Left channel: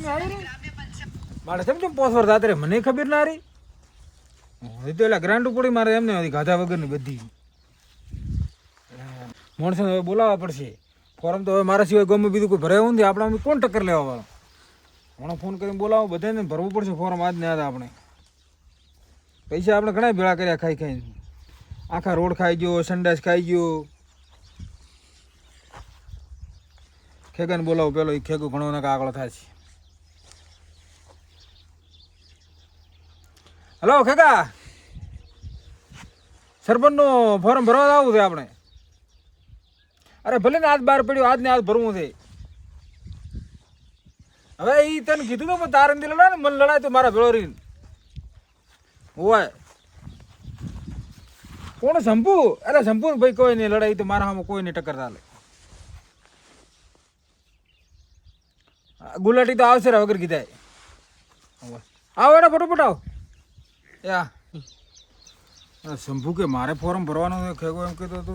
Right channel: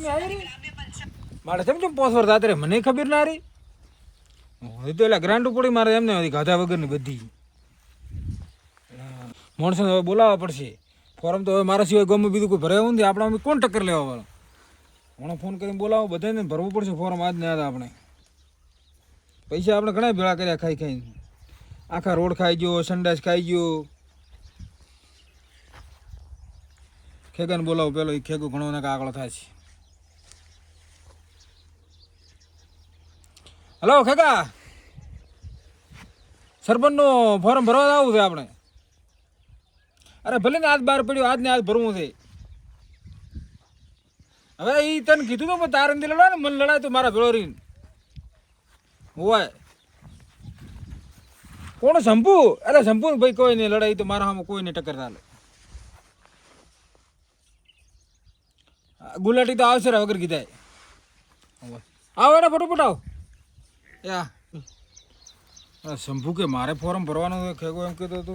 બાતમી આવી રહી મારે સમજો 5 વર્ષ આતરે મને ખબર ના રહી એ તો એટલે ગ્રાન્ડ પડી મારે એમને ગાધા વગરની બધી માણસોને હવે બોલાવવા પડશે ફોરમ તો હવે મારા સિવાય ગમે બીજું કોઈ ભરાયું નથી આપણે કોણ ટક્કર લેવા વાળો હમણાં ફોન કરીને બોલાવો બધાને ભરવું પડશે ફોરમ આજ ને આજ આપણે પૈસા આપણે ઘણા ભેળા કર્યા ખાઈ ખાઈને આખા રોડ ખાઈ ગયો સંડાસ ખાઈ ગયો ખેગાને બોલાવો પેલો એ ખેગું ઘણો ને આગળ થાય છે હલો ખેગા સરપંચનો ફોર્મ ભરવા આવવું છે આપણે અરે ભલે ને આજ બહાર પડ્યું આજ ને આજ ભરવું છે હવે એ તને કીધું તો તારે નથી લડાય ને મને લડાય તો મારા ભેળો રહીને હોય કોણ શંભુ અરે શંભુ ભાઈ કોઈ નહીં લડાઈ તો મારા સામે કોઈ નહીં ટક્કર ચાલે ગુલાટી તો આવશે વગર કીધા આવો એને ફટોફટ આવો યા શંભુ કે મારે ફોર્મ ભરવાનું છે ખેગો એમ કહેતો હતો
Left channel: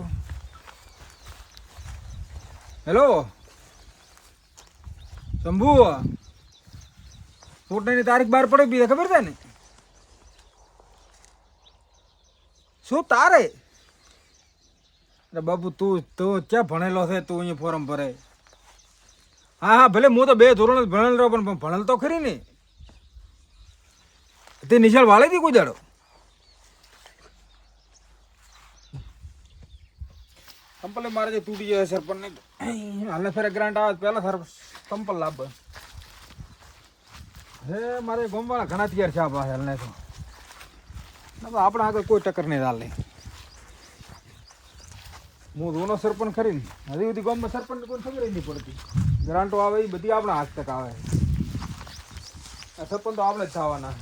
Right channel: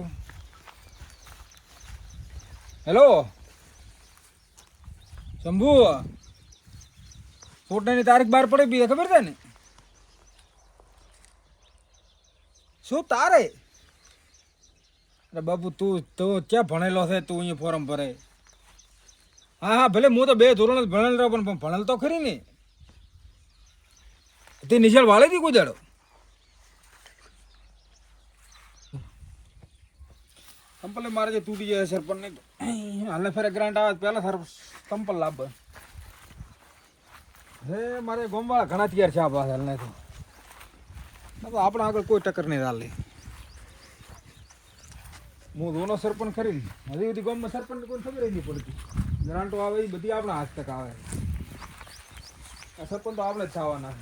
હેલો શંભુ ચૂંટણીની તારીખ બહાર પડી બી ખબર છે ને શું તારે અરે બાપુ તું તો ક્યાં ભણેલો છે તું અહીંયા ફોર્મ ભરે હા હા ભલે હું તો 2 ધોરણ જ ભણેલ રહ્યો પણ ભણેલ તો ખરી ને તે નિશાળ વાળે હતી કોઈ દાડો કંપલ મારે જે તૂટી જાય સરપંચ ને હાલને ફેરે ગ્રાન્ટ આવે પહેલા સર કંપલ લાભ હે મારે ગોમવાળા ઘણા તૈયાર છે આ પાસે હાલને તો આપણે આગળ કોઈ ટક્કર નહીં ચાલે હું દોનો સરપંચ ખરી ને હજી બધી ગામમાં સરપંચ કોઈ ખબર નહીં પડતી ગ્રાન્ટો આવે એ બધી આપણા હાથ તક આવે સરપંચ તો આપણે જ થવાના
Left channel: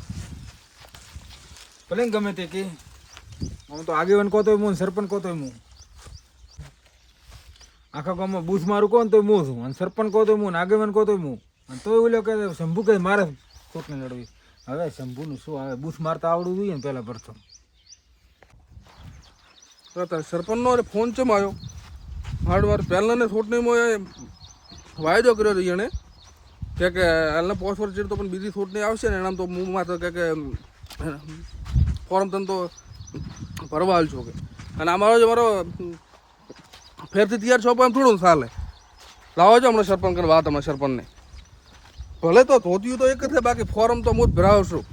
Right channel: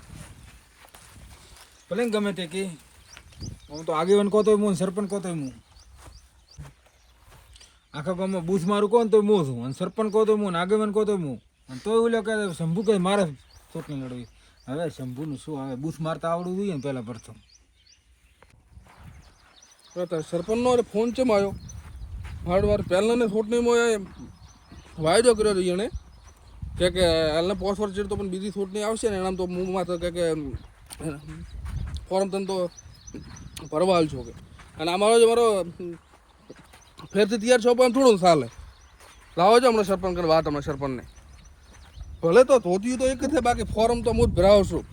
ભલે ગમે તે કે હું તો આગેવાન કહો તોય હું સરપંચ કહો તોય હું આખા ગામમાં બૂથ મારું કહો ને તોય હું છું અને સરપંચ કહો તો હું આગેવાન કહો તોય હું અને તોય ઓલો કે શંભુ કે મારે ચૂંટણી લડવી હવે શંભુનું શું આવે બૂથ મારતા આવડવું જોઈએ ને પહેલાં પ્રથમ સરપંચનો ફોન ચમ આવ્યો વાર પહેલાં ને ચૂંટણીમાં વાયદો કર્યો હતો એને કે હાલને 5 વર્ષ તો પણ બીજી ચૂંટણી આવશે ને એનામ તો હું તો કે ફોર્મ તને તો ભરવા હાલ છો કે અને અમારો જે મારો ફેરથી તૈયાર છો પણ થોડું ચાલે લાવો છો હમણાં સરપંચ વાત અમારા સરપંચને ભલે તો ધોતિયું તો એક જ છે બાકી ફોર્મ તો હું જ ભરાવશું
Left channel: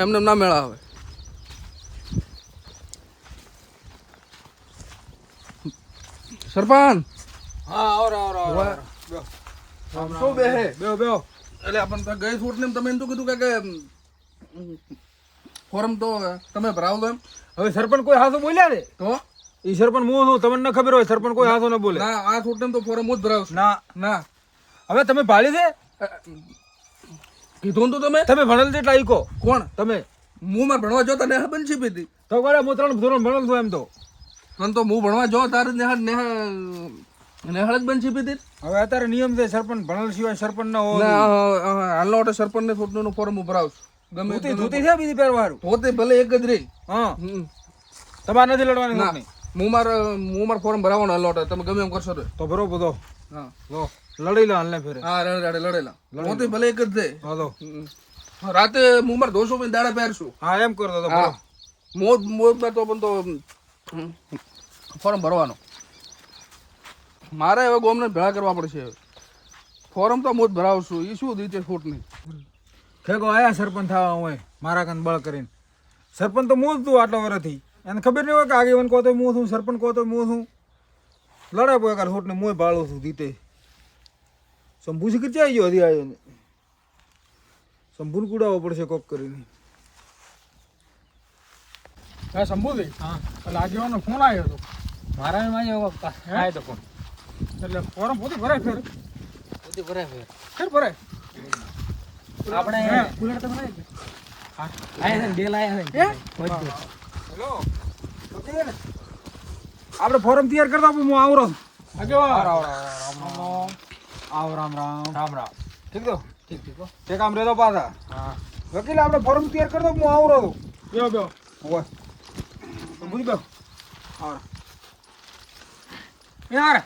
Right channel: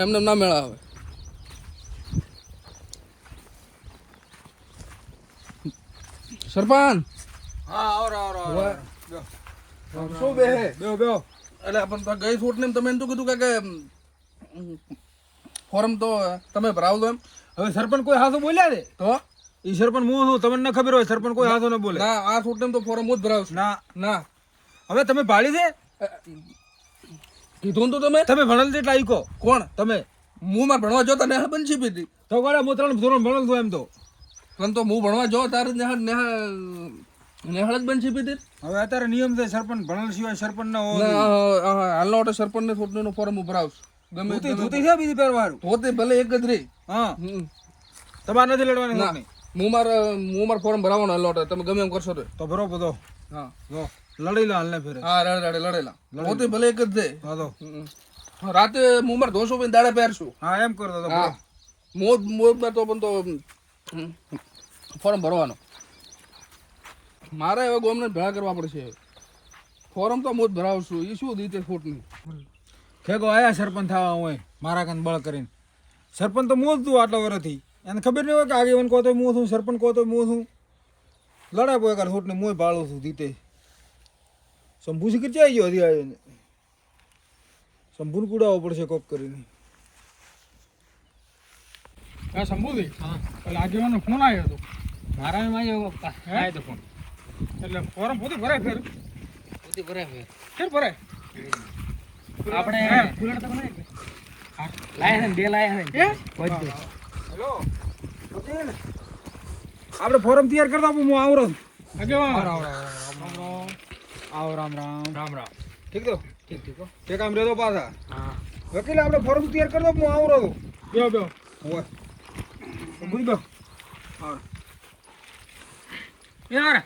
એમને ના મેળાવે સરપંચ હા શું બે હે બેહો બેહો એટલે આપણને ગઈ છોટને તમે એમ તો કીધું કે ફોર્મ તો તમે ભરાવ દો એમ હવે સરપંચ કોઈ હાથો બોલ્યા ને તો એ સરપંચ હું છું તમને ન ખબર હોય સરપંચ કોઈ હાથો ન બોલે ના આ છોટને તો ફોર્મ હું જ ભરાવશું ના ના હવે તમે ભાળી છે કીધું તો તમે ભણેલ છે એટલે કહો કોણ તમે હું માં ભણવા જો તને બન છે પીધી તો ગળે હું 3 ધોરણ ભણેલ છું એમ તો અને તો હું ભણવા જો તારે નેહાળ જ બન છે પીધી હવે અત્યારે નિયમ છે સરપંચ ભણેલ સિવાય સરપંચ ન હોય હાલનો ઓટો સરપંચ ને છોટનું ફોર્મ હું ભરાવશું ગમે ધોતી છે બીજી પહેરવાનું ધોતી ભલે એક જ રહી હા તમારે નથી લડવાની ના હું માર ફોર્મ ભરાવવાનો હાલનો ઓટો તમે ગમે એમ કરશો તો ભરો બધો હા લો લડી લો હાલને ફેરે હા લડેલા ધોતી ભલે એક જ દે હાલો રાતે હું માર ધોશો પણ દાડા પહેરશું હા એમ કરતો તો હા મોજ તો પણ તો ફોર્મ ભરવાનો મારે હવે ગોમને ભેળા કરવા પડશે ફોર્મ તો હું જ ભરાવશું એ શું રીતે ખોટ નહીં ખેગો આયા સરપંચ થવા હોય મારા કાન બળ કરીને સરપંચ તો હું જ તું આટલા વર્ષથી એને ખબર નહીં હોય કે આગેવાન કહો તો હું છું સરપંચ કહો તો હું છું લડાય પોય કાર છોટને હું ભાળું છું જીતે શંભુ શીખર ચાઈ ગયો હજી આવ્યો ને શંભુને કુડાવવો પડશે કોક કરીને હા શંભુભાઈ એટલે આગેવાનો ફોન આવ્યો હતો મારા આવ્યો તો ફોન એટલે ફોર્મ પોતે ભરાય ફેર ફેર ભરાય આપણે ફૂલર તમે લાયા છે બે લાયા છે બધું હેલો આપણે ફોરમ તૈયાર કરતા હું આવરો આગેવાન આવ રામ રામ ઠીક તો ઠીક તે કામ રેતો પાછા હા વકીલ આપણે ફોર્મ તૈયાર કરતો હું આવરો બે હોવા બુજ ગયો હા યાર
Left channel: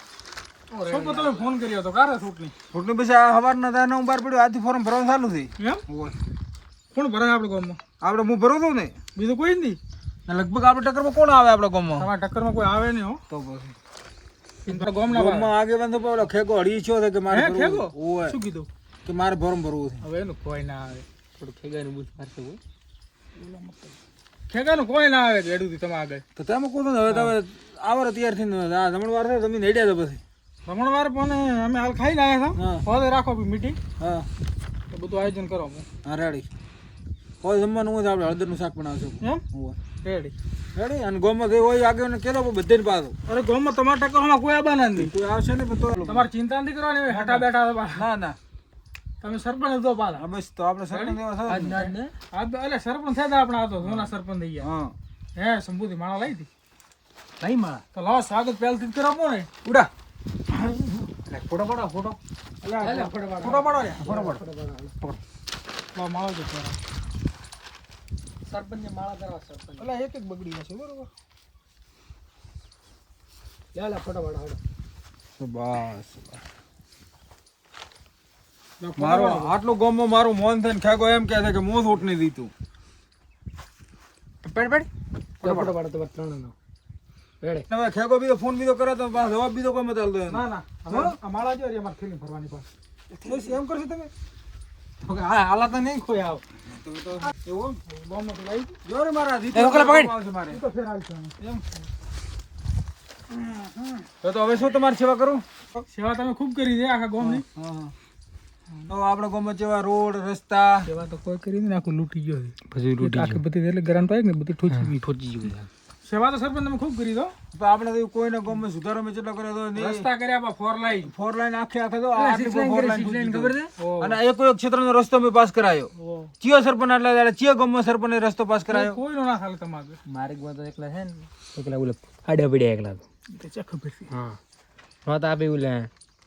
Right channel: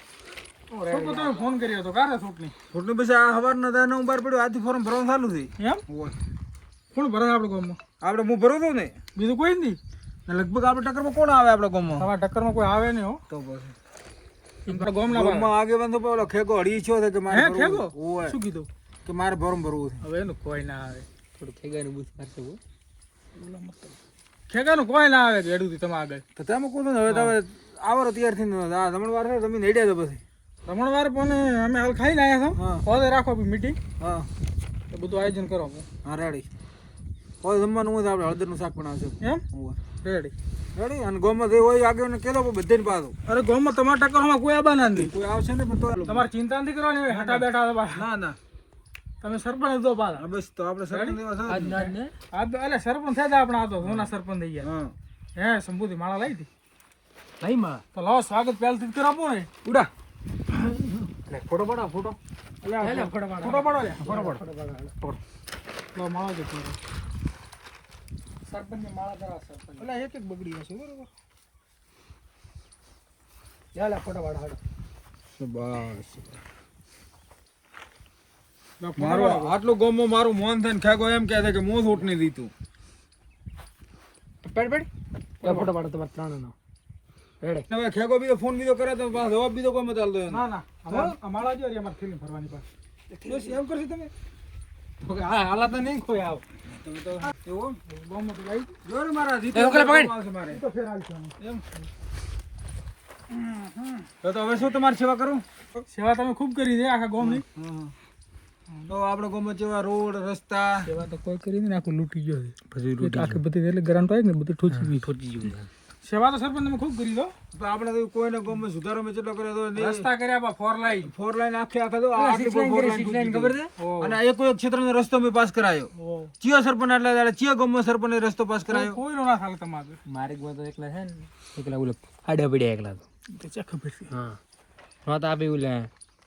સરપંચ તમે ફોન કર્યો તો કારે છૂટની છૂટણી પછી આ સવારના થાય ને હું બહાર પડ્યો આજથી ફોર્મ ભરવાનું ચાલુ થઈ એમ કોણ ભરે આપણે ગામમાં આપણે હું ભરું છું ને બીજું કોઈ નથી લગભગ આપણે ટક્કરમાં કોણ આવે આપણા ગામમાં તમારા ટક્કરમાં કોઈ આવે નહીં હો તો પછી ગામના ગામમાં આગેવાન તો પેલો ખેગો હળી છો છે કે મારે હે ભરવું. ખેગો ઓય. શું કીધું કે મારે ફોર્મ ભરવું છે હવે એનું કોઈ ના આવે થોડું ખેગાનું બુશ મારશે હો ખેગાનું કોઈ ના આવે એડું તમે આગળ તો તેમાં કહું છું ને હવે તો હવે આવરો તૈયારથી આ જમણવાર છે તમે નેડ્યા તો પછી રમણવાર પણ અમે હાલ ખાઈને આવ્યા હા. છો હોદે રાખો મીટિંગ હા તો બધું આયોજન કરો હા રેડી કોઈ જમવાનું હોય તો આપણે હળદરનું શાક બનાવશું એમ ઓય. રેડી રેડી અને ગામમાં જે હોય આગળ કેલો બધાને પાછો અરે ગામમાં તમારા ટક્કરમાં કોઈ આબાના નથી કોઈ આવશે ને પણ તો તમારે ચિંતા નથી કરવાની હોય હટા બેઠા તો પાછા. ના ના તમે સરપંચ તો પાછા હા બસ તો આપણે સરપંચ એવા છે આજ ના ને આ તો એટલે સરપંચ થયા હતા આપણે આ તો સોના સરપંચ થઈ ગયા હા હે શંભુથી માળા લઈ હતી લઈ માં તો લાવો સ્વાગત પહેલથી જ કરાવો ને ઉડા ફોટો પાડો ફોટો ફોટો પાડો માળો જ સરપંચ ને માળા કરાવો સરપંચ એટલે એક એક બગડી હશે બરોબર લે ફોટો પાડો હાડો બસ મારો આટલું ગામમાં મારું મોન થઈને ખેગો એમ કહે છે કે હું છૂટ નહીં દીધું ફોટો પાડો તમારે ત્રણ નો રેડે હવે ખેગો બીજો ફોન બીજો કરે તો પાછો જવાબ બીજો કોઈ મત આલતો ના ના આ માળા જો અમારે થેલી ભરવાની પાસે બસ એમ કરશો તમે તો કે હા હાલા તો નહીં કોઈ આવ તમે તો એવું બોમ્બ તો લાવી જો રે મારા જીત આવશે મારે તો ફેર આવી છે એમ તો હવે શું તમારી સેવા કરું સેવા તમે ખૂબ કરી છે આખા ગામની તો આપણે ગામમાં જેવા રોડ રસ્તા સેવા તો કોઈ કરી નહીં આખું લૂંટી ગયો પછી આખી બધી એટલે ગ્રાન્ટ આવી ને બધી ઠોકી ગયું સેવા તો સરપંચ તમે ખૂબ કરી દો તો આપણે તો કોઈને ગામમાં સુધારો મેં કેટલો કર્યો તો રસ્તા કર્યા બા 4 લાઈન ફોર લાઈન આખે આખે તો six line કરી, six line ખબર છે? અને એક એક ક્ષેત્રનો રસ્તો મેં પાસ કરાયો ચિયો સરપંચ આટલા દાડા ચિયો ગામમાં સરપંચે રસ્તો પાસ કરાયો કોઈ નો ના ચાલે તમારે મારે તો એકલા છે ને એકલા ઓલે આડા પડ્યા એકલા તો તો ચેક ખબર છે હા તો આપે ઓલે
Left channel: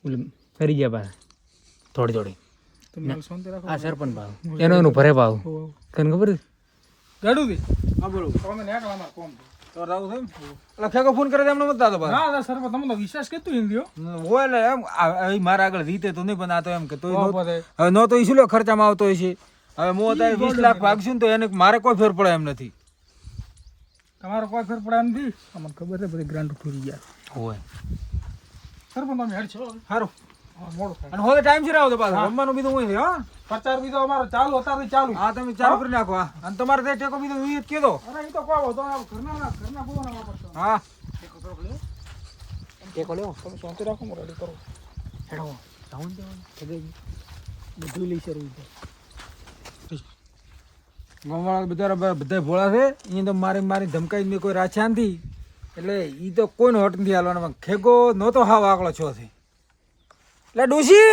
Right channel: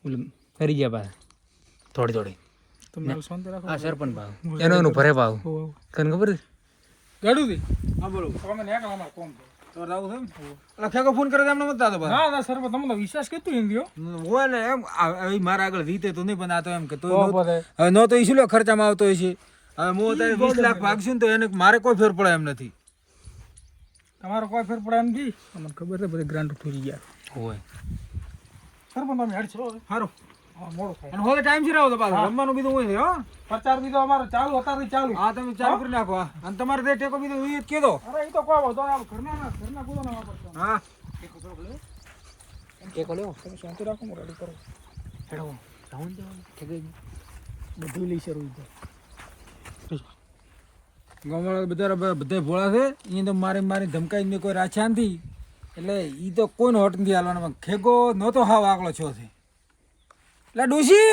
ઓલે ફરી ગયા પા થોડી થોડી તમે શાંતિ રાખો આ સરપંચ ભાવ એનું ભરે ભાવ તને ખબર છે ગાડું દી હા બોલો તમે નેકળા અમાર કોમ તો રાવ છે એટલે ખેગો ફોન કરે એમને મત દાદો ના ના સરપંચ તમને વિશ્વાસ કેતું હિન્દીઓ હોય ને એમ મારા આગળ રીતે તો નહીં પણ આ તો એમ કે તોય નો- બધે હવે નો તો ઈશું લો ખર્ચામાં આવતો હોય છે હવે હું અત્યારે 20 લાખ ભાગશું ને તો એને મારે કોઈ ફેર પડે એમ નથી તમારો કોઈ ફેર પડે એમ નથી તમને ખબર છે બધી ગ્રાન્ટ ઉઠી ગયા હોય સરપંચ તમે હેડ છો સારું મોડું થાય અને હવે ટાઈમ થી આવો તો પાછો રમવાનું બીજું હોય છે હો પ્રચાર બીજો અમારો ચાલુ અત્યારે ચાલુ હા તમે ચાલુ કરી નાખો હા. અને તમારે ત્યાં ટેકો બીજો ઈ જ કીધો અરે એ તો કોઈ વધો ઘરના કોઈ ના વાપરતો હા ટેકો લેવો તમે શાંતિ રાખો હું રેડી કરો હેડો જાઉં બધું લઈ શરૂ ગામવાળા બધા ભોળા છે એ તો મારી ધમકાઈ મેં કોઈ રાખ્યા નથી એટલે એ તો કોઈનો હટ નથી હાલવાનો ખેગો નહોતો હાવ આકલો છો છે એટલે ડોશી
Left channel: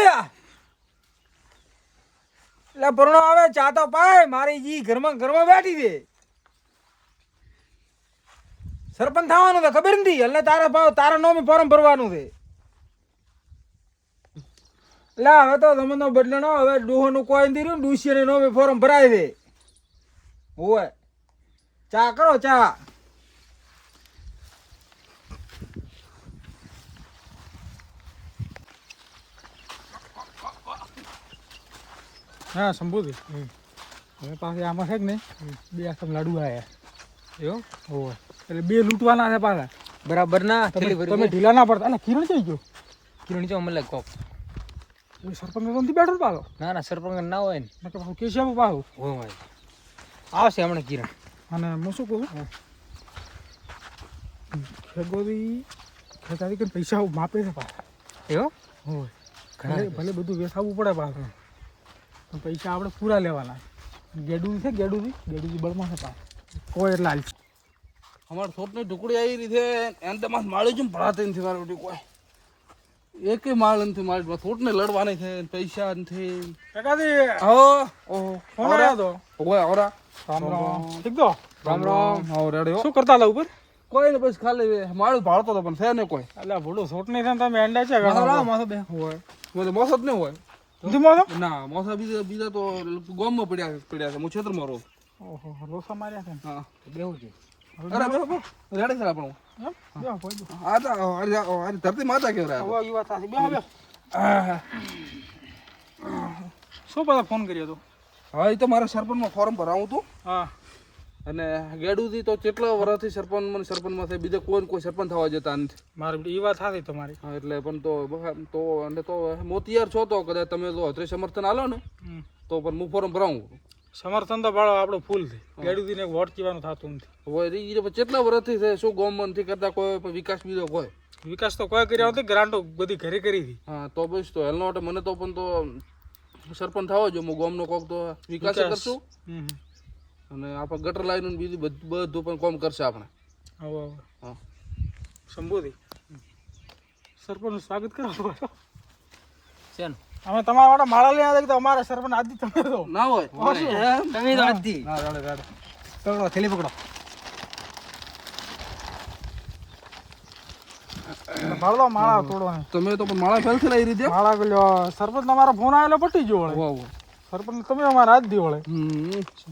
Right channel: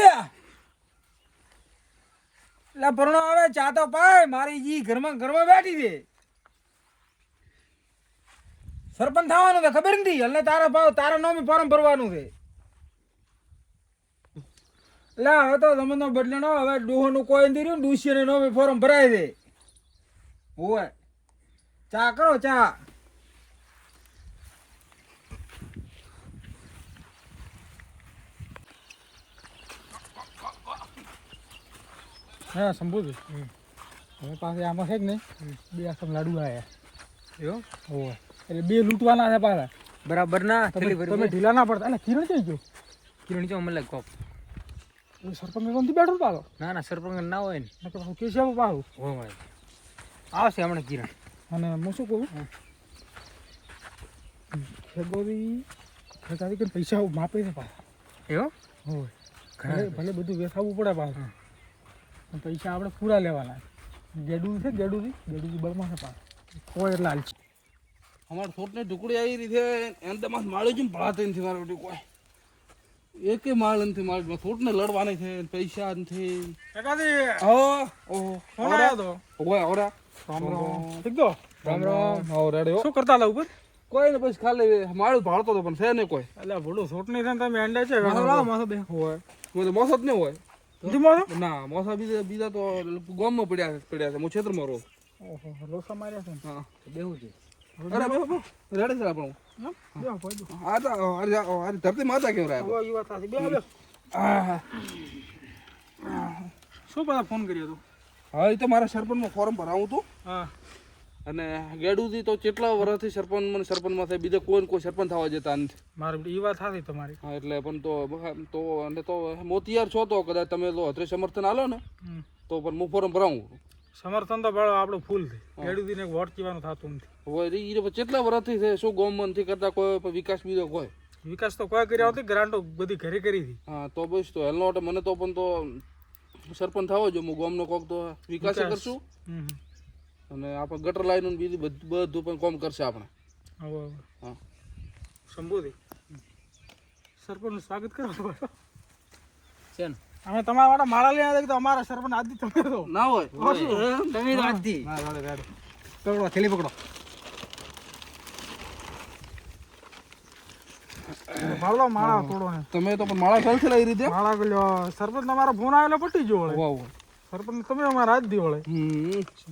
એટલે પરણો આવે ચા તો પાય મારી જી ઘરમાં બેઠી છે સરપંચ થવાનું તો ખબર નથી એટલે તારા નામે ફોર્મ ભરવાનું છે એટલે હવે તો જમાનો બદલાનો હવે ડોહોનું કોઈ નથી રહ્યું ડોશીને નામે ફોર્મ ભરાય છે ઓય ચા કરો ચા હા શંભુજી હવે પાસે આમાં છે કે નહીં બે આસમ લાડુ આવ્યા એવું હોય એટલે બે લૂંટવાના છે પાછા બરાબર ના તમે ઢીલા ના પડતા એટલે કિરણ થઈ ગયો કિરણ ચો મને કોપ એ સરપંચ નથી બેઠો ને પાછો ના ના સરપંચ ના હોય ને નકર પાછું કેશિયા પાછું હોય આવશે હમણાં કિરણ અને હું શું કહું ખેગોરી ખેતારી કરીને પૈસા માપે છે પાછા એવું હોય ભલે બધું વેસાવવું પડે પાછું પણ પૈસા આપણે પૂરા લેવાના ગેડુથી બળમાં છે પાછા કોઈ એટલે હાલ અમારે થોટની ટુકડી આવી રહી છે એને તમારે માળી જ ભરાતી નથી મારી બેટી કોઈ એકે માળ નથી મારી થોટને લડવાની છે પૈસા નથી ઓરા ઠીક તો રામ રામ આવો રેડ્યો શું કરતા હતા ઉપર કોઈ ને પછી ખાલી માળું ભાળતો હતો પણ છે ને કોઈ એટલે ભૂલું છોટ નહીં થાય તમે અંડા છે માથો બે હોય મોસો જ નહીં હોય નથી માનો ના મોસા બીજા તો ગામમાં પડ્યા છે હું ક્ષેત્રમાં રહું ઓહો લોસા માર્યા છે હા બેવું છે અરે બે રેડે છે આપણું એમ? બેહો, પહોંચો. આ તો અરે ધરતી માતા કેવરા હવે ઈ વાત સાચી. બેહો, બેહો. શું પાછા ફોન કર્યો હતો? હા એ તો મારા સરપંચમાં ફોર્મ ભરાવું હતું હા અને ગેડુથી તો કેટલા વર્ષથી સરપંચમાં થાય બીજા કોઈ સરપંચ થવા જતા નથી. મારી એ વાત સાચી તમારી. હા એટલે પણ તો અને તો મોતિયાર છો તો કદાચ તમે તો અત્રે સમર્થન આલો ને હમ. તો પણ હું ફોર્મ ભરાવું સમર્થન તો ભાડો આપણું ફૂલ છે. ખેડૂતીને વોટ કહેવાનું થતું નથી. હવે એ કેટલા વર્ષથી છે શું ગવર્મેન્ટથી કરતા કોઈ પણ વિકાસ બીજો કોઈ વિકાસ તો કોઈ કર્યા નથી. ગ્રાન્ટો બધી ઘરે કરી હતી. હા તો બસ તો હેલનો માટે મને તો પણ તો સરપંચ થવો જો હું ગામનો કોક તો વિકાસ કરશું હમ. અને આપણે ગટર લાઈન બીજું બધું પણ કામ કરશે આપણે હવે હા સંબોધી સરપંચનું સ્વાગત કરો. છે ને અમે તમારા માટે માળા લઈને આવ્યા તો અમારા સરપંચ આદિ તમે તો ના હોય તમે તો આજથી ના રાડે રાડે પકડો થેલી પકડો ભાડવા માળા તોડવાની. તમે તો પણ માળા ફેલ છે એ રીતે માળા પેલો સરપંચ તમારા ફોન આવેલો પટી ગયો વળે. વાહ વાહ સરપંચ તમે અમારા હાથ દી વળે.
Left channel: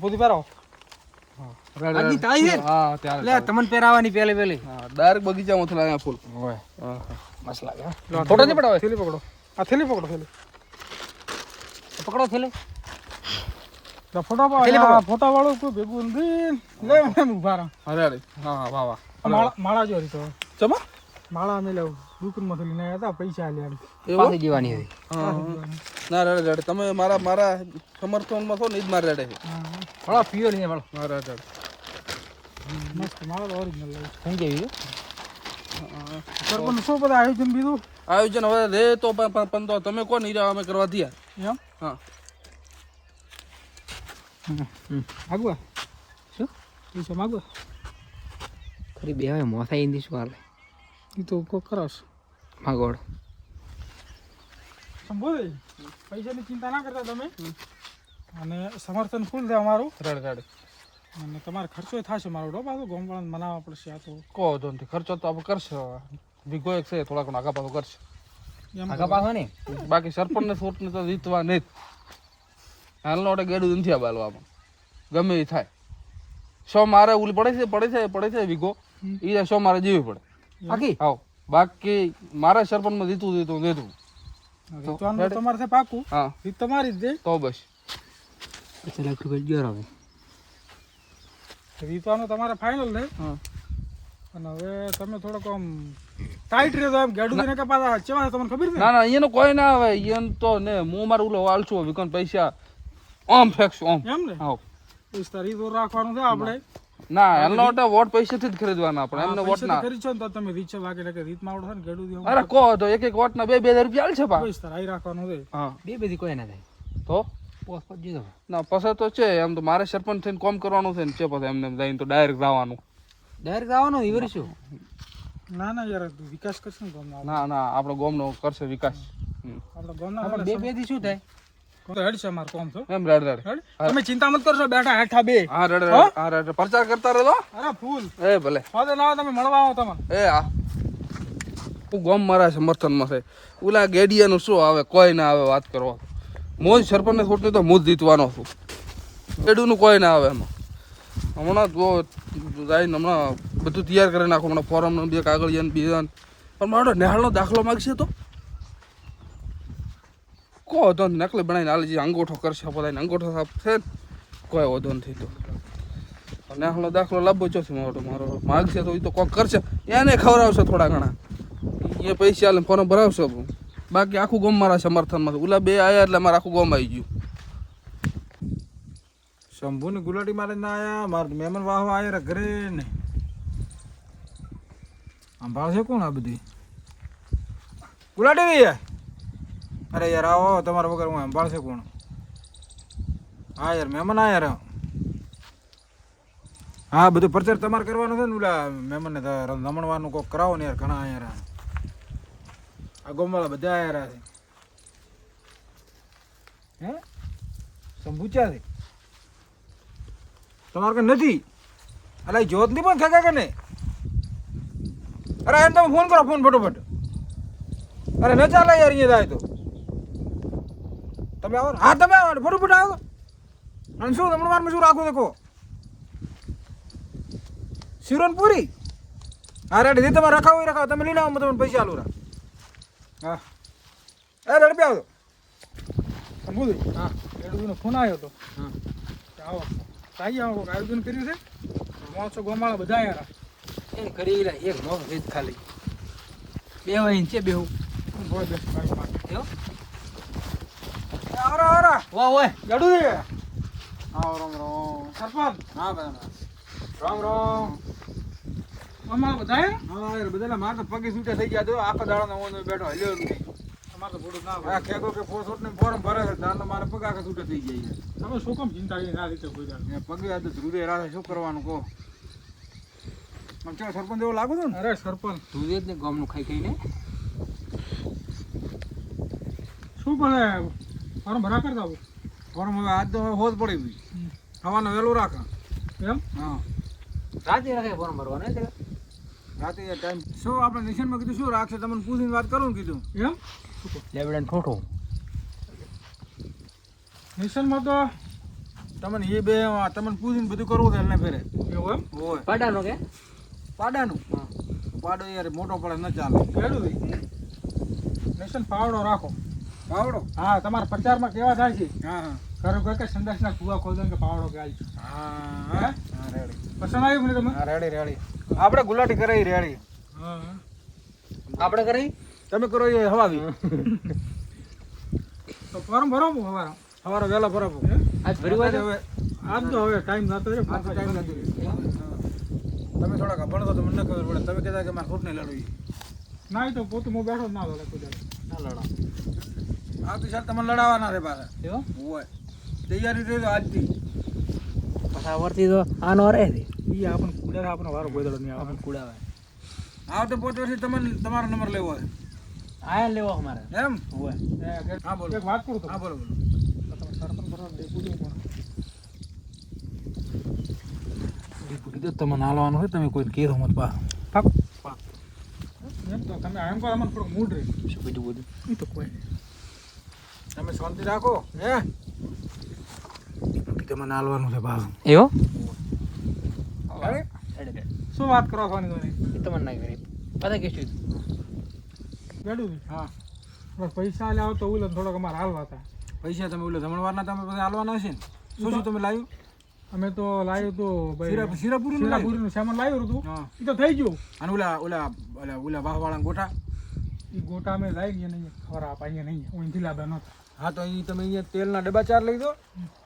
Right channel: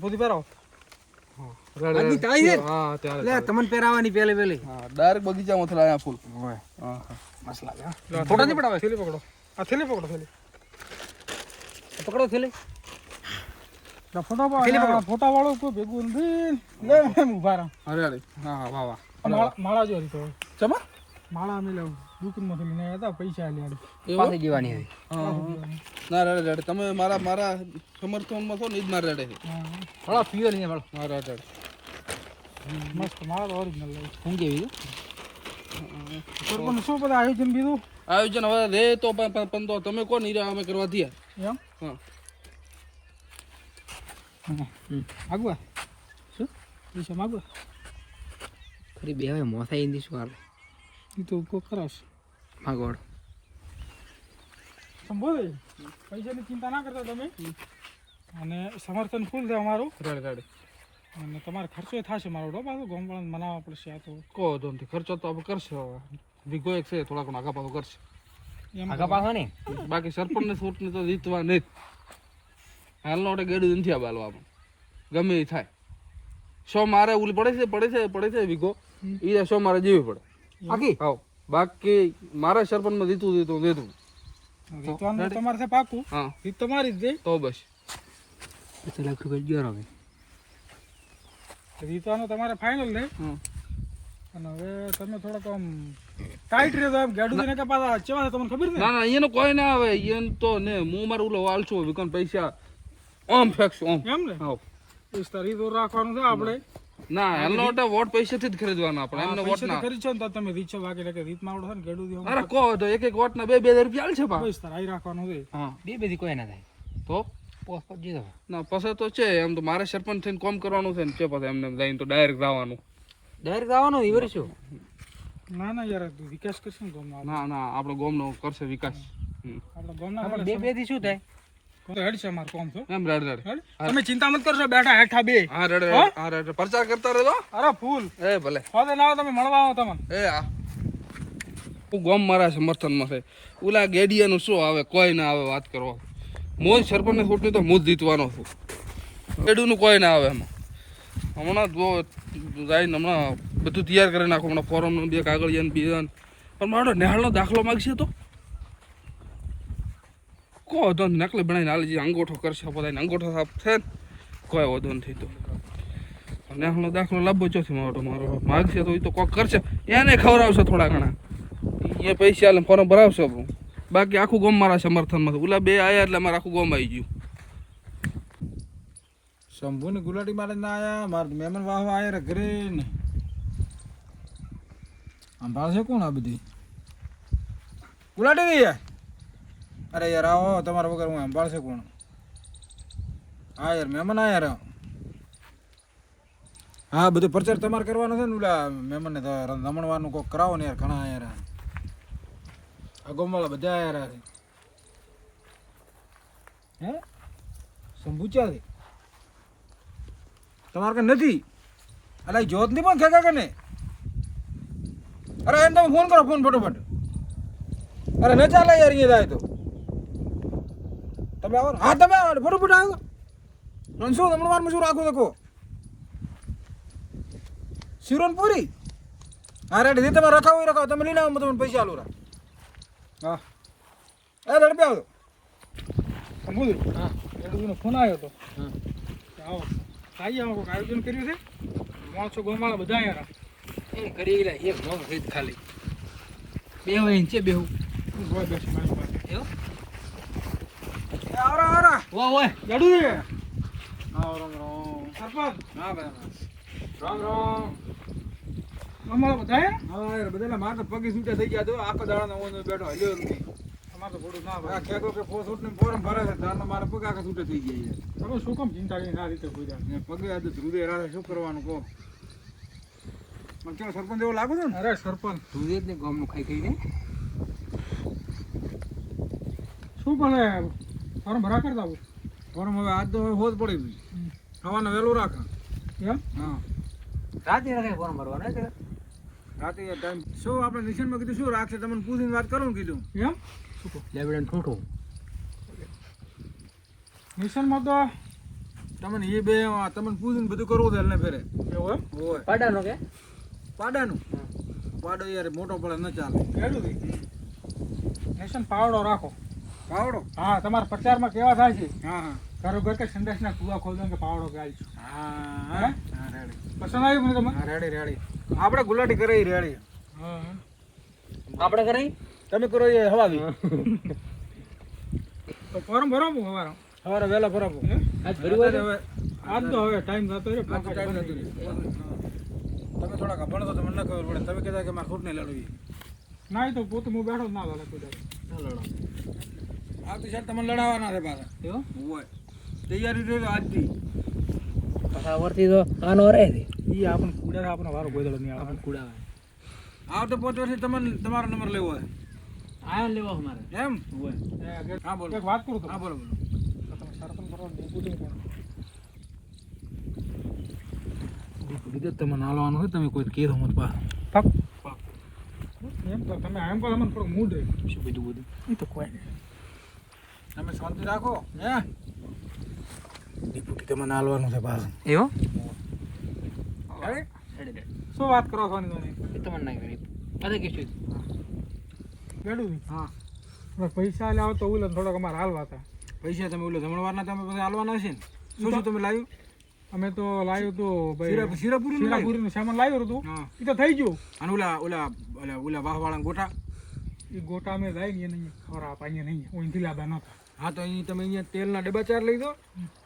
બુદ્ધિ પહેરાવો. આજની તાળી છે ને? હા ત્યારે લે તમને પહેરાવાની પેલી હા ડાયરેક્ટ બગીચામાં લાયા ફૂલ હોય હા હા મસ્ત લાગે હો. ફોટો નહીં પડાવે. થેલી પકડો. આ થેલી પકડો. થેલી પકડો થેલી તો ફોટા વાળો કોઈ ભેગું નથી. લે એમ ઉભા રહો. અરે અરે હા હા વાહ વાહ માળા જો તો ચમા માળા અમે દુકાનમાં થી લઈને આવ્યા હતા. પૈસા આલ્યા. પાસે જીવાની હતી ના રેડે રેડે તમે મારા સમર્થનમાં છો ને જ મારે રેડે છે થોડા પ્યોર છે મારો હા રેડે રેડે મસ્ત માળા તો ઓરિજિનલ લાગે. હું કેવી સરપંચ શું બધા આયોજન બીજું આયોજન હવે રે તો પણ તો તમે કોણ હીરા અમે કરવા દઈએ એમ હા આગવા શું પૈસા માગવા ખરી બે હવે મોથા ઈંદી શું હાલે એ તો કોઈ કરાશ. માગોડ સંભોધે પૈસાની ચિંતા ના કરતા તમે. અને સમર્થન ફૂલ છે અમારું. રેડે રેડે અને તમારે ખર્ચો થશે મારો ડો પાછો ગોમવાળાને મનાવવા પડશે. આ તો કહો તો નથી ખર્ચો તો આપણે કરશે વીઘો એક છે થોડાક આગા પાછો કરશે એમ આગા પાછો ને બાકી સરપંચને છોટને તો જીતવા નહીં હાલનો ઓટે ગેડું નથી આ બાલવા ગમે એ થાય સો મારે ઓલી પડે છે વીઘો એ સો મારે જેવી પડે આખી હા બાકી મારા સરપંચમાં જીતું જીતું રીતવાનું તો તમારે છે પાકું. હા રીત તમારી જ દે. તો બસ લાખ રૂપિયા ગયો હવે રીતવાનું તમારે ફાઇનલ ને. હા અને હવે તમે થોડોક આમ ટાઈટ રહ્યો એમ ગાડું ને કે પાછા ચેવા તમને ખબર છે. ના ના એને કોઈ ના આવે એને તો ને હું મારું ઓલો વાલશું વિકોન પૈસા આમ ફેંકશું આમ એમ ને હા રીત તો રાખવાનું છે આપણે. ના એમનો ઓટે વોટ પૈસેથી જ ખરીદવાના આપણે એમને વોટ પૈસા તો ના કરી છે ને તો તમે રીત છે બાકી કે રીતમાં આવડો છે ને ગાડું દે અરે કહો તો એક વોટ ના 2,000 રૂપિયા આલ છે પા આઈ રાખવાનું છે. હા બે બધી કોઈ ના થાય તો પોસ પર જીધો ના પછી તો છે એમ તો મારે સરપંચ થઈને કોમ કરવાનું છે ને છે પછી એમને જઈને તો ડાયરેક્ટ જવાનું ડાયરેક્ટ આવવાનું ઈ વરી શું ના ના યાર વિકાસ કરશે ને ગામમાં. ના ના આપણો ગામનો કરશે વિકાસ આપણે ગામના આપણે બે બે થી શું થાય હેડ છે અમારું કામ તો. એમ રેડ રેડ હેડ. તમે ચિંતા મત કરશો બેઠા હેઠા બે. હા રેડ હા? હા રેડ પ્રચાર કરતા રહેલો અરે ફૂલ એ ભલે ફોદે ના આવે તમે મળવા આવો તમને. એ હા હું ગામ મારા સમર્થનમાં છે ઓલા ગેડિયાનું શું આવે કોઈ ના આવે વાત કરવા મોજ સરપંચને છોટની તો હું જ જીતવાનો છું ગેડુનું કોઈ ના આવે એમાં હમણાં જો જઈને હમણાં બધું તૈયાર કરી નાખું હમણાં ફોરમ બે કાગળિયા બીજા પણ મારો નેહાળનો દાખલો માગશે તો કહો તો નકલી બનાવીને હાલ જે અંગોઠો કરશે બધાને અંગોઠો સાફ છે ને કોઈ વધો નથી તો નેહાળનો દાખલો લાવવો ચોથી મારો માગશે તો એ તો કોક કરશે એને ખવડાવશે થોડા ઘણા એ પૈસા આલે ફોર્મ ભરાવશે બાકી આખું ગામ મારા સમર્થનમાં છે ઓલા બે આયા એટલે મારે આખું ગામ આવી ગયું શંભુ ને ગુલાટી મારે ના આયા મારે મહેમાન વાહવા આયા ઘરે ને આમ ભાવશે કોણ આ બધી ગુલાટી નહીં અરે યાર આવો તમારા વગર હું સંભાળશે કોણ હા યાર મહેમાન આયા રે હા બધું પ્રચાર તમારે કરવાનો છે ને ઓલા મહેમાનને રમણવાનું કોઈક કરાવો ને યાર ઘણા આયા રહ્યા આ ગોમવાળા બધા આયા રહ્યા છે હે સંભૂચ્યા છે તમારે કઈ નથી અલા એ જોત નહીં પણ ખેકા કે નહીં અરે એને તમે ફોન કરો ફોન ફટોફટ અરે ન ચાલે યાર અહીંયા જાય તો તમે આવો ને? હા તમે આવો ને, ફટોફટ આવો અને શું હમણાં શું રાખો દેખો શિરોન પૂરી હા રેડી જે તમે રખાવો એ રખાવો તમે લઈને આવો તમને પૈસા આલું રા હા એ રેડી આવો સમુદ્ર હા ગેડુનો ફોન આવ્યો હતો આવો સાઈ આવો કોઈક આયોજન કર્યું છે માણસો ગોમાળા બધા આવ્યા એ કરી લે એક નો રીત ખાલી બે હોય છે બેહું હોય બેસી મારી પાસે એવો આવરા આવરા વાહ વાહ ગેડુ છે આવો રામ રામ સરપંચ હા રામ રામ ગોમાળા બધા આવ્યા હા બધા મારે તો પગે છૂટા થઈ ગયા તો આખો દાડો હું બેઠો હલ્યો નહીં તમારે તો બોડું ના આ ખેતો કે ફોસોટ ને ફોરમ ભરે છે તારનો મારે પગ આખા છૂટા થઈ ગયા છે તમે શું કામ ચિંતા કરી ના રીતે કોઈ દાડો ને પગે આજે ધ્રુદે રાતે શું કરવાનું કહો મને કેવો સરપંચ એવો લાગુ છે ને અરે સરપંચ તું જ ને ગામનું ખાઈ ખાઈને શું પડે ફોર્મ ભરા કરતા આવું ફોરમ હવે આજ તો હોજ પડી ગઈ ખાવાનું વહેલું રાખે એમ હા રાતે રખાય ફોર્મ ભરવાના એટલે રાતે ટાઈમ શું આપણે નિશાનમાં કીધું શું રાખશે તમને પૂછીને વાત કરું ને કીધું એમ લેબડાને ઠોઠું મિશનમાં તો તમને એ બે તમને પૂછીને બધું કરવું છે એટલે ફેરે એવું એમ હોય પાડાનો કે પાડાનું પાડો યાર મોટો પડે ન ચાલે ગેડું છે મિશન પાવડો રાખો પાવડો હા તમારા પ્રચારમાં કેવા થાય છે હા હા ઘરો ઘર કે સંડાસના કુવા ખોલ દો કે પાવડો કે આલજો હા હા હા રેડી પસંદ આવ્યું મને તમે હા રેડી રેડી આપણે ગુલાટી કરાવી રેડી હા આપણે કરી તમે કરો એ હવાવી તો ફોર્મ ભરો હું હવારે સવારે વહેલા ભરાવો આજ ભરી હોય હવે આજ તો હવે ટાઈમ જતો રહ્યો આ તો ટાઈમ નથી તમે થોડાક ભણો તો તમને ન ખબર પડે તમે કહેતા કે મારે ખોટ નહીં લડવી ના એ તો પોતું હું બેઠો જ ના ચાલે કોઈ દાડો. આ તો સાહેબ તમને લડાવવાના છે પાછા એવો હોય તૈયારી રહી તો આજથી પાછા વર્તી તો આનો રહે છે ઈ આપણને કુડા આપણો વારો કોઈ દાડો નહીં આવે આપણને કુડાવે આવતે 5 વર્ષથી તમને તમારો નંબર લેવો છે આયા લેવો અમારે એમ હોય હા બોલો એક વાત કરું તો હા બોલો બોલો તમે સરપંચ કરવા ડેપ્યુટી કોણ ડિપ્યુટી તો તમને હાલવાનું છે તમે કોઈ કીધું મત પા પાક એમ તો તમે એમ કહો અમને થોડું મૂડ રહી શું બધું બધું એ તો કોઈ નહીં તમે શાંતિ રાખો હે ડિપ્યુટી તમને હાલવાનું છે પાછું એવો શું વાત કરો છો ની એ તમને ના કરી પાછા કીધું ગેડું હા બસ પૈસા લાવો તો ઉલન થોડોક અમારે હાલવા હતા પૈસા તમે ઓલો જમણવારના તમે બધા હાલવાના છે ને શું શું તમે લાવ્યું અમે તો લાવ્યું તો ભાઈ શીરાપુરી શીરાપુરીનું સામાન લાવ્યું હતું હા એ તો થઈ ગયું અને ઓલા ઓલા ઓલા ઓલા વાહવાળા ગોટા એ ગોટા અમે લાવી ગયા નહીં ખરાબ અહીંયા નહીં અહીંથી લાવ્યા નહોતા હા તો અહીં તમે અહીંયા તેલના ડબ્બા 4 લઈ દો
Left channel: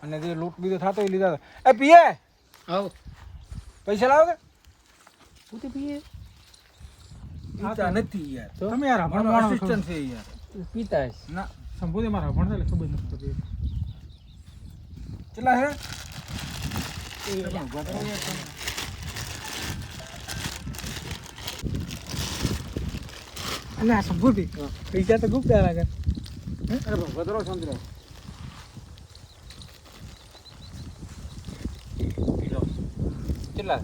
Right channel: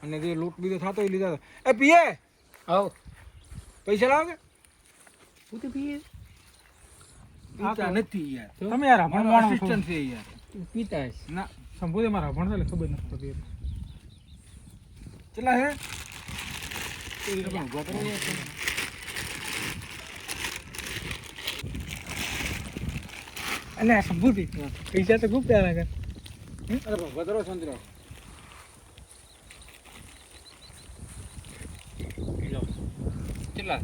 અને જે લૂંટ બીજો થતો એ લીધા એ પીએ આવ પૈસા લાવો કે તું તે પીએ પીતા નથી યાર તમે યાર મારો ભણવાનો assistant છે યાર તું પીતા હશે ના સંભોધે મારા ભણતા એટલે ખબર નથી પડતી કેટલા હે અને આ સંભોધી પૈસા તો ગુપ્ત લાગે અરે વધરો સંતરો કેટલા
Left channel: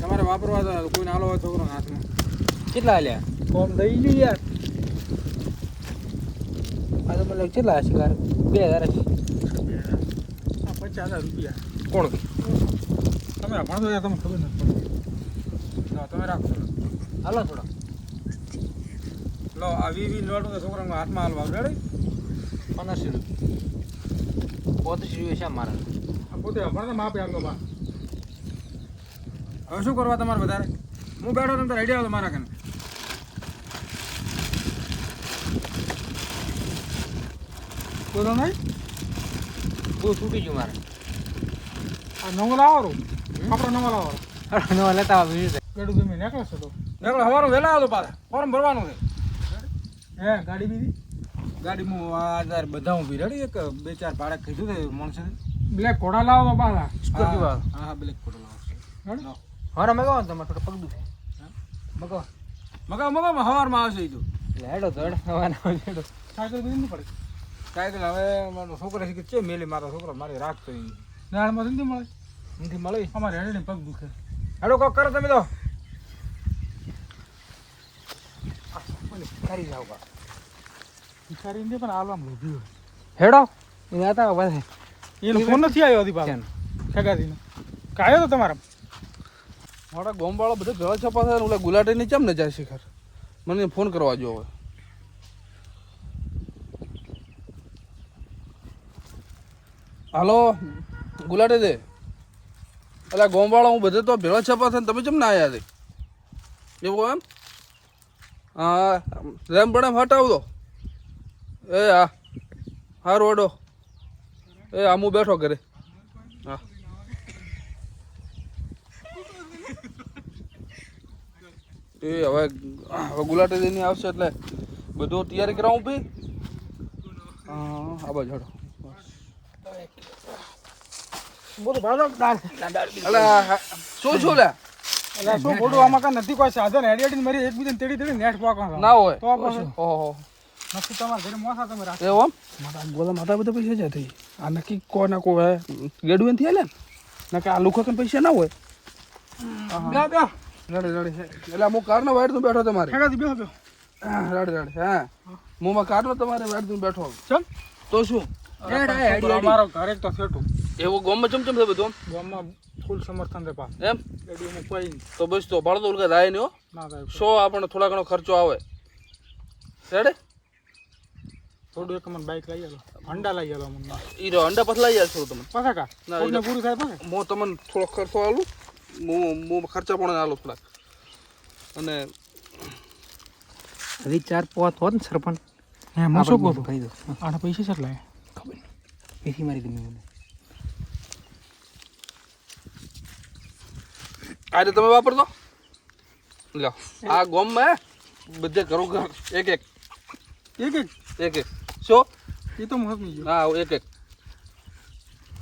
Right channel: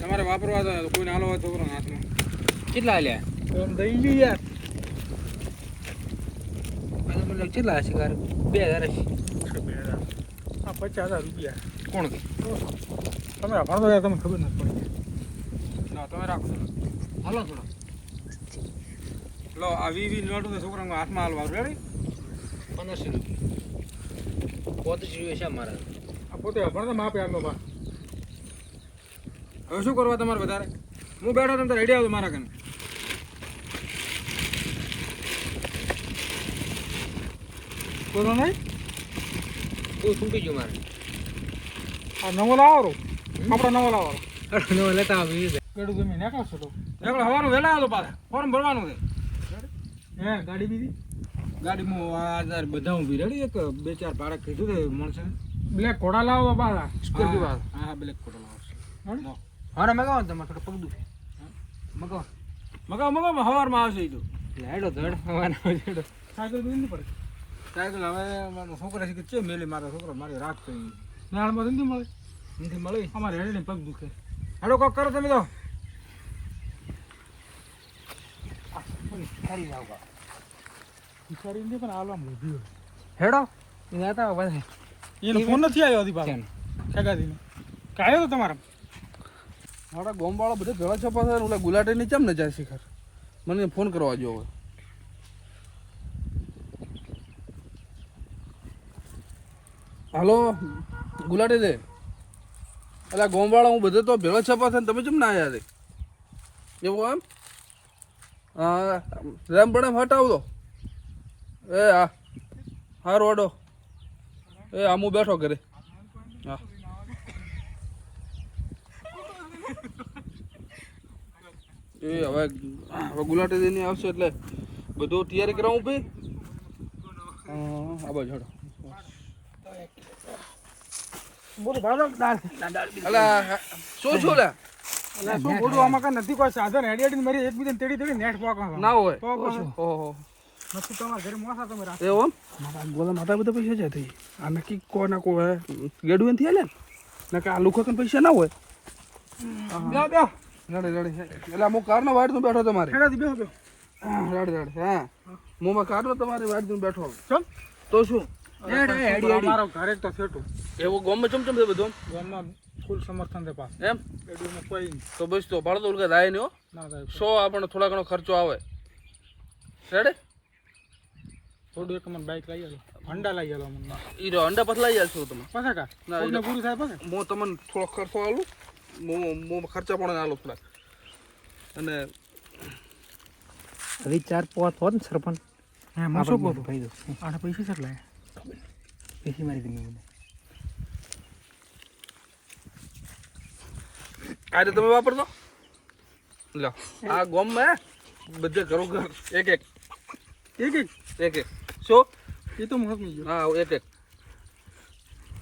તમારે વાપરવા તો કોઈને હાલો હોય છોકરાના હાથમાં કેટલા લ્યા ફોર્મ દઈ ગઈ યાર આ તો મતલબ કેટલા હશે કાર 2000 હશે આ 50,000 રૂપિયા કોણ કે તમે આ ભણતો યાર તમને ખબર નથી પડતી ના તમે રાખો હાલો થોડો લો આ 20 નોટું તો છોકરાના હાથમાં હાલવા રેડી 1500 રૂપિયા 35 છે મારા આ પોતે ભણતા માપે આટલો બા હવે શું કરવા તમારે વધારે હું બેઠો તમે રેડી આવતો મારા કને બોલો નહીં બહુ છૂટી ગયું મારે આ નવો લાવો આપણો નવો લાવો નો લેતા આવી ગેડું તમે નીકળશો તો નીકળો સવારે વહેલા આવતો પાછા ફોર્મ ભરવાનું છે હે ગાડી બીજી ગાડીમાં આ બધા ઊભી રેડી એક 2-4 ભાડે કીધું છે માણસે બ્લેક ઘોડા લાવો તો પાછા સ્કોર્પિયો વાળો હા હા બ્લેક ફોટો લાવો હરા મગાવો તમે થોડો પગ દુખે મગાવો મગાવ મગાવ સવારમાં આવશે એ તો એટલે હેડો ધડ હવાના હેડો સાયકલ બીજી નહીં પડે સાયકલ હવે મારો છોકરો છે કે છે મેલી મારો છોકરો મારી રાખતો એ નાળમાં નથી મળે નથી મળી અમારે હેડે પગ દુખે હેડો કોક કરો તમે તો ખરી જાવ કા વિચારીને પણ આલવામાં લીધી હેડો એ આતા બસ એનો ફોન નથી આવ્યો હજી પાછો સગાજીનો કાયો તો તમારા મારા ગામવાળા બધા ભેળા છપા થાય ને ઓલા ગુલાટીની કેમ ન જાય શિખર મને ફોન કરવા જો હવે હાલો ગુલાટી દે અલા ગામવાળા હું બધે તો ભેળા છપા થાય ને તમે કેમ ના આવ્યા છે એવું એમ હા રેમ પણ હટાવ દો એ હા હા રોડો એ હા હું બેઠો ઘરે હા એ હવે ગુલાટી દઈને આવશે એટલે બધું તૈયારી કરાવું ભાઈ હા બાજુ હડો બોલો ભાડો દાળ અલા શું છું લે એટલે શું ખોટું આમાં કાંઈ નથી કોઈ સાધન હેડી મરી એકબીજાને તેડી તેડી નેટ પાકવા ના હોય તો પછી ઓહો નક્કી તમારા ઘરે મોસા તમે રાખો એવું મારા ગોલા માતા બધા પૈસા છે થઈ આ નક્કી કોઈ ના કોઈ ગેડું નથી હાલે ને કે આ લુખા કન પૈસા ના હોય બે બે રડે રડે એટલે અમુક કારનો વાડ તું બેઠો તમારે હેડાથી બેહો બેહો રડે રડે હા મુમાં કારનો તમારે વાડ તું બેઠો ચમ તો શું મારો ઘરે તો છેટું એવું ગોમમાં ચમચમ છે બધું ગામમાં ફૂલ સમર્થન દે પાસ એમ એડીમાં કોઈ તો બસ તો ભાડો તો ઉલકા થાય નહીં હો ના થાય સો આપણને થોડા ઘણો ખર્ચો આવે રેડે થોડું એક મને બાઈક લઈ આલો હંડા લઈ આલો મને ઈ રો અંડા પતલાઈ જશે તમે પાછા કા ના, કોઈને પૂરું થાય પાછા હું તમને થોડો ખર્ચો આલું હું ખર્ચા પણ આલો થોડાક અને હવે 4-5 હોત ને સરપંચ હે હું શું કહું કહી દો આના પૈસા કેટલા ખબર નહીં એથી મારી તમે મને આજે તમે વાપરતો લો આ ગોમમાં બધે ઘરો ઘર એક એક એક એક એક એક શું એ તો મહત્વ ગયો હા એક એક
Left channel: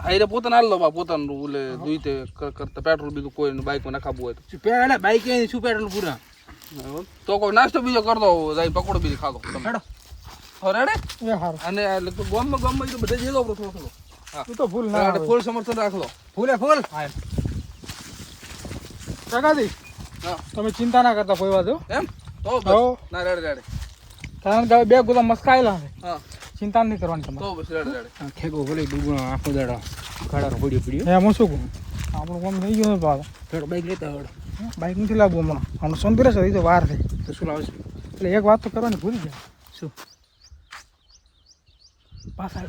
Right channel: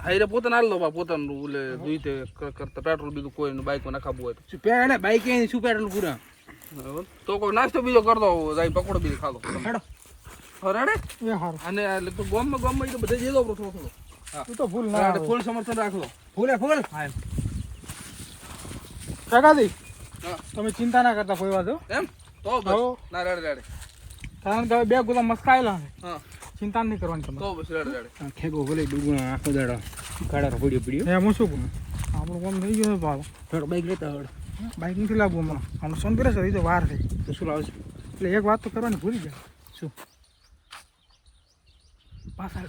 આઈને પોતાને હાલ લો બા પોતાનું ઓલે દુઈતે કરતા પેટ્રોલ બીજું કોઈ બાઈકમાં નખાવું હોય તો પેલા બાઈક શું પેટ્રોલ પૂરા તો કોઈ નાસ્તો બીજો કરતો જાય પકોડો બીજો ખાતો હેડો હો રેડે એ હારું અને એટલે તો ગામમાં એ તો બધે જઈ લો થોડો થોડો હા તું તો ભૂલ ના આવે ફૂલ સમર્થન રાખલો ફૂલે ફૂલ ટકાથી હા તમે ચિંતા ના કરતા કોઈ વાત એમ તો હો. બસ ના રેડે રેડે કારણ કે બે ગુદા મસ્કાયેલા છે હા ચિંતા નહીં કરવાની તમારે તો બસ રેડે રેડે ખેગો ભલે ડૂબો આખો દાડો ગાડા પડ્યો પડ્યો એ હું શું કહું આપણું કામ થઈ ગયું પાછા થોડો બાઈક લેતા આવડે બાઈક નથી લાવવું હમણાં હમણાં સંતરે છે રીતે વાર થઈ તો શું લાવશે એટલે એક વાત તો કરવાની ભૂલી જાય શું પાછા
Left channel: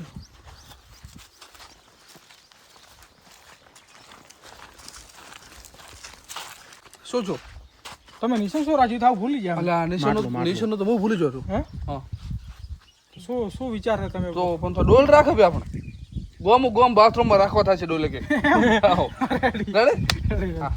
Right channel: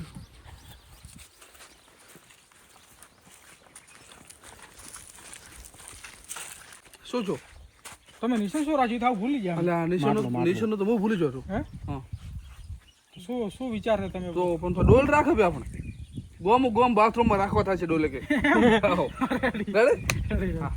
શું છો તમે નિશાન શું રાજી થાવ ભૂલી ગયા અલા નિશાનો તો હું ભૂલી ગયો છું હે હા તો શું વિચાર છે તમે તો પણ તો ડોલ રાખે બે આપણે ગોમ બાથરૂમમાં રાખવા થાય છે ડોલે કે રેડી